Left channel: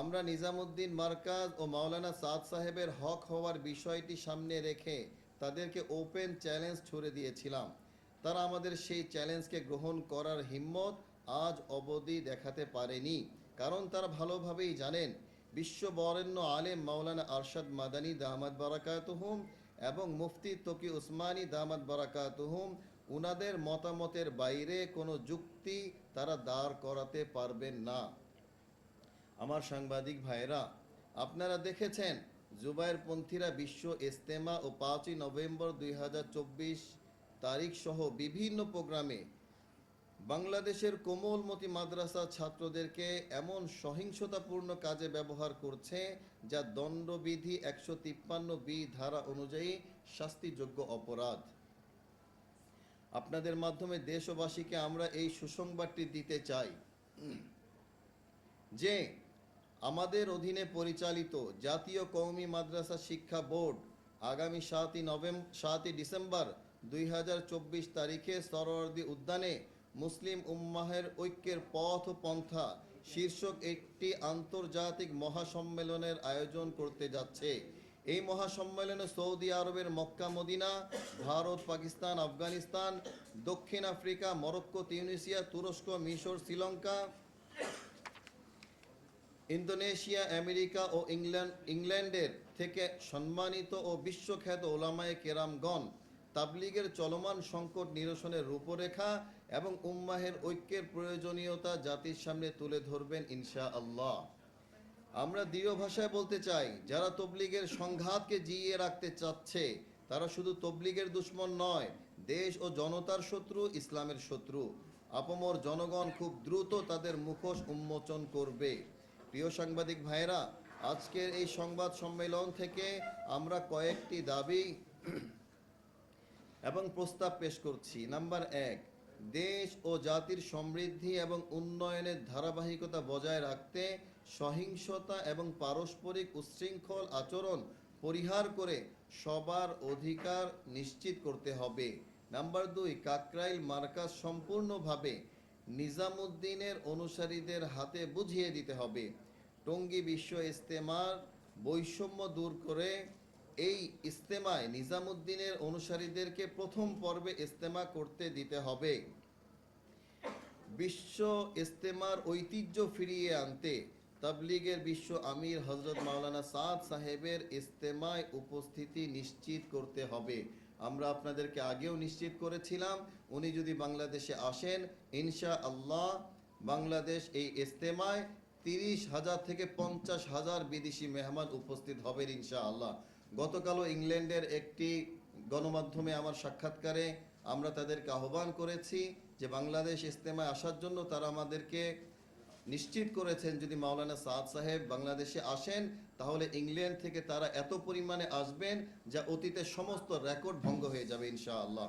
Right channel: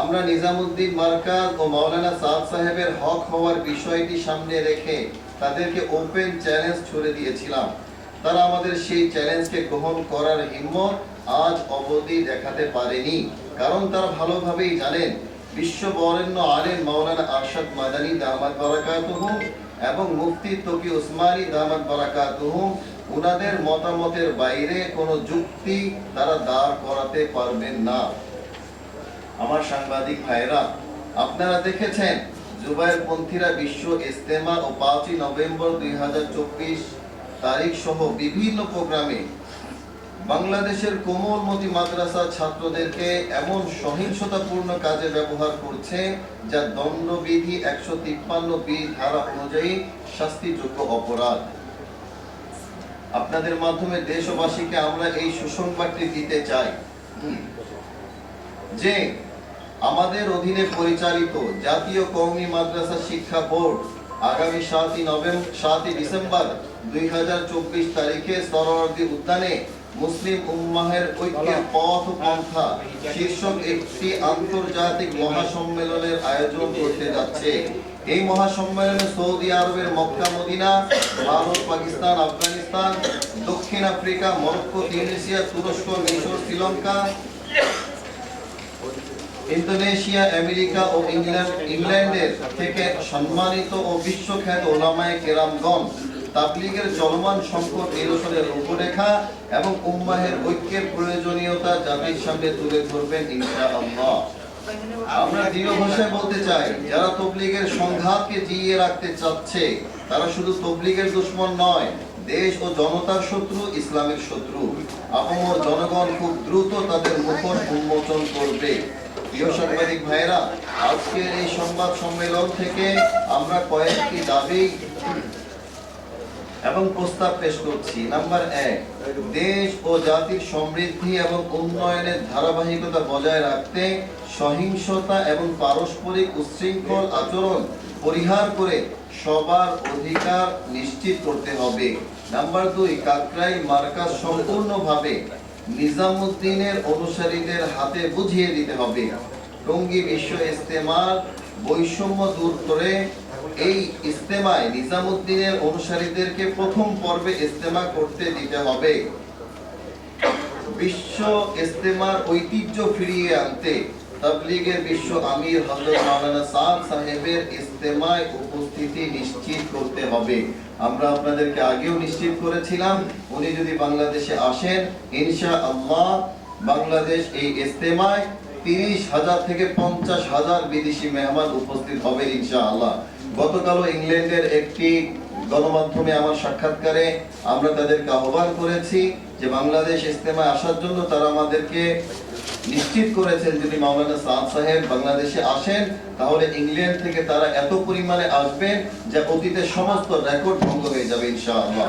আমরা নিজামুদ্দিন মার্কাজ ও মাওলানা সাদ সাহেবের হক হওয়ার বিষয়টি সামনে রেখে তাদেরকে ওপেন চ্যালেঞ্জ ছুড়ে দিয়েছিলাম। তারা আমাদের সেই চ্যালেঞ্জকে গ্রহণ করার হিম্মত আজ অবধি দেখাতে পারেনি। কারণ তারা ভালোভাবেই জানেন বিশ্ব বরেণ্য আলেম মাওলানা আরশাদ মাদানী দামাত বারাকাতুহুম এবং মুফতি তকি উসমানী দামাত বারাকাতুহুম উনাদের মতামতের বাইরে কোনো যুক্তি তারা দাঁড় করাতে পারবেন না। আমার সাংবাদিক ভাইরা আপনারা দেখেছেন জুবাইর পন্থীরা বিশ্ব ইস্তেমা ও পাঁচই নভেম্বর দুই হাজার চব্বিশ তারিখ সহ বিভিন্ন প্রোগ্রামে বাংলাদেশের কোমলমতি মাদ্রাসা ছাত্রদেরকে এমন সহিংসতাপূর্ণ কাজে ব্যবহার করছে যা দণ্ডবিধি একশো তিপ্পান্ন বি ধারা অনুযায়ী শাস্তিযোগ্য অপরাধ। আপনাদের মাধ্যমে দেশবাসীকে আমরা এই সুসংবাদটি দিতে চাই। যে আমাদের অধীনে পরিচালিত জাতীয় কওমি মাদ্রাসা শিক্ষা বোর্ড আগামী সাতই নভেম্বর সাতই ডিসেম্বর দুই তারিখে সরোয়ার্দী উদ্যানে মুসলিম উম্মাহের ঐক্যের পথ পন্থা শীর্ষক একটি আন্তর্জাতিক মহাসম্মেলনের আয়োজন করতে যাচ্ছে। এই মহাসম্মেলনে সৌদি আরবের মক্কা, মদিনা, ভারত, পাকিস্তান, আফগানিস্তান, দক্ষিণ আফ্রিকা, মরক্কো, তিউনিসিয়া, তুরস্ক, মিশর, শ্রীলঙ্কা ইন্দোনেশিয়া, আমেরিকা ও ইংল্যান্ড, ইংল্যান্ডের থেকে সম্মানিত ও বিশ্বখ্যাত ওলামায়ে কেরামগণ তাবলিগের চলমান সংকট নিরসনের রূপরেখা এবং উম্মাহের ঐক্যের প্রয়োজনীয়তা জাতির সামনে তুলে ধরবেন ইনশাআল্লাহ। আমরা দৃঢ় ভাষায় বলতে চাই, যারা তবলিগের সংঘাতকে জিইয়ে রাখতে চাচ্ছে, তারা শুধু তবলিগের দুশ্মন নয়, দেশ ও জনতার শত্রু, ইসলামের শত্রু। আপমর জনগণ খুব দ্রুত তাদের মুখোশ উন্মোচন করবে। প্রিয় সাংবাদিক আজকের এই সংবাদ সম্মেলন থেকে আমরা কয়েকটি দাবি এবং প্রস্তাব পেশ করছি। নাম্বার এক, দেশ ও জাতির সমৃদ্ধি এবং উন্নয়নের ধারাবাহিকতা বজায় রাখতে সহিংসতা এবং পারস্পরিক উচ্ছৃঙ্খল আচরণ পরিহার করে সবার অধিকার নিশ্চিত করতে হবে। নাম্বার দুই, কাকরাইল মার্কাজ সম্পূর্ণভাবে নিজামুদ্দিনের অনুসারীদের হাতে বুঝিয়ে দিতে হবে। টঙ্গী বিশ্ব ইস্তেমার বৈষম্য দূর করে এই ইস্তেমায় নিজামুদ্দিনের অনুসারীদেরকে প্রথম পর্বে ইস্তেমা করতে দিতে হবে। বিশ্ব ইস্তেমার ঐতিহ্য ফিরিয়ে আনতে তাবলিগের বিশ্ব আমির হযরত মাওলানা সাদ সাহেবের ইস্তেমায় উপস্থিতি নিশ্চিত করতে হবে। আমরা আপনাদেরকে আগেও নিশ্চিত করেছিলাম, উনি যদি বাংলাদেশে আসেন, ইনশাআল্লাহ বাংলাদেশ এই ইস্তেমায় তিরিশ হাজার থেকে পঞ্চাশ হাজার বিদেশি মেহমান উপস্থিত হবে ইনশাআল্লাহ। গতকালও ইংল্যান্ডের একটি গণমাধ্যমে আমার সাক্ষাৎকারে আমরা তাদেরকে আহ্বান করেছি যে বাংলাদেশ ইস্তেমায় আসার জন্য তারা আমাদেরকে নিশ্চিত করেছেন যদি মাওলানা সাদ সাহেব বাংলাদেশে আসেন, তাহলে ইংল্যান্ড থেকে তারা এত পরিমাণে আসবেন যে অতীতের সমস্ত রেকর্ড ভঙ্গ হয়ে যাবে ইনশাআল্লাহ।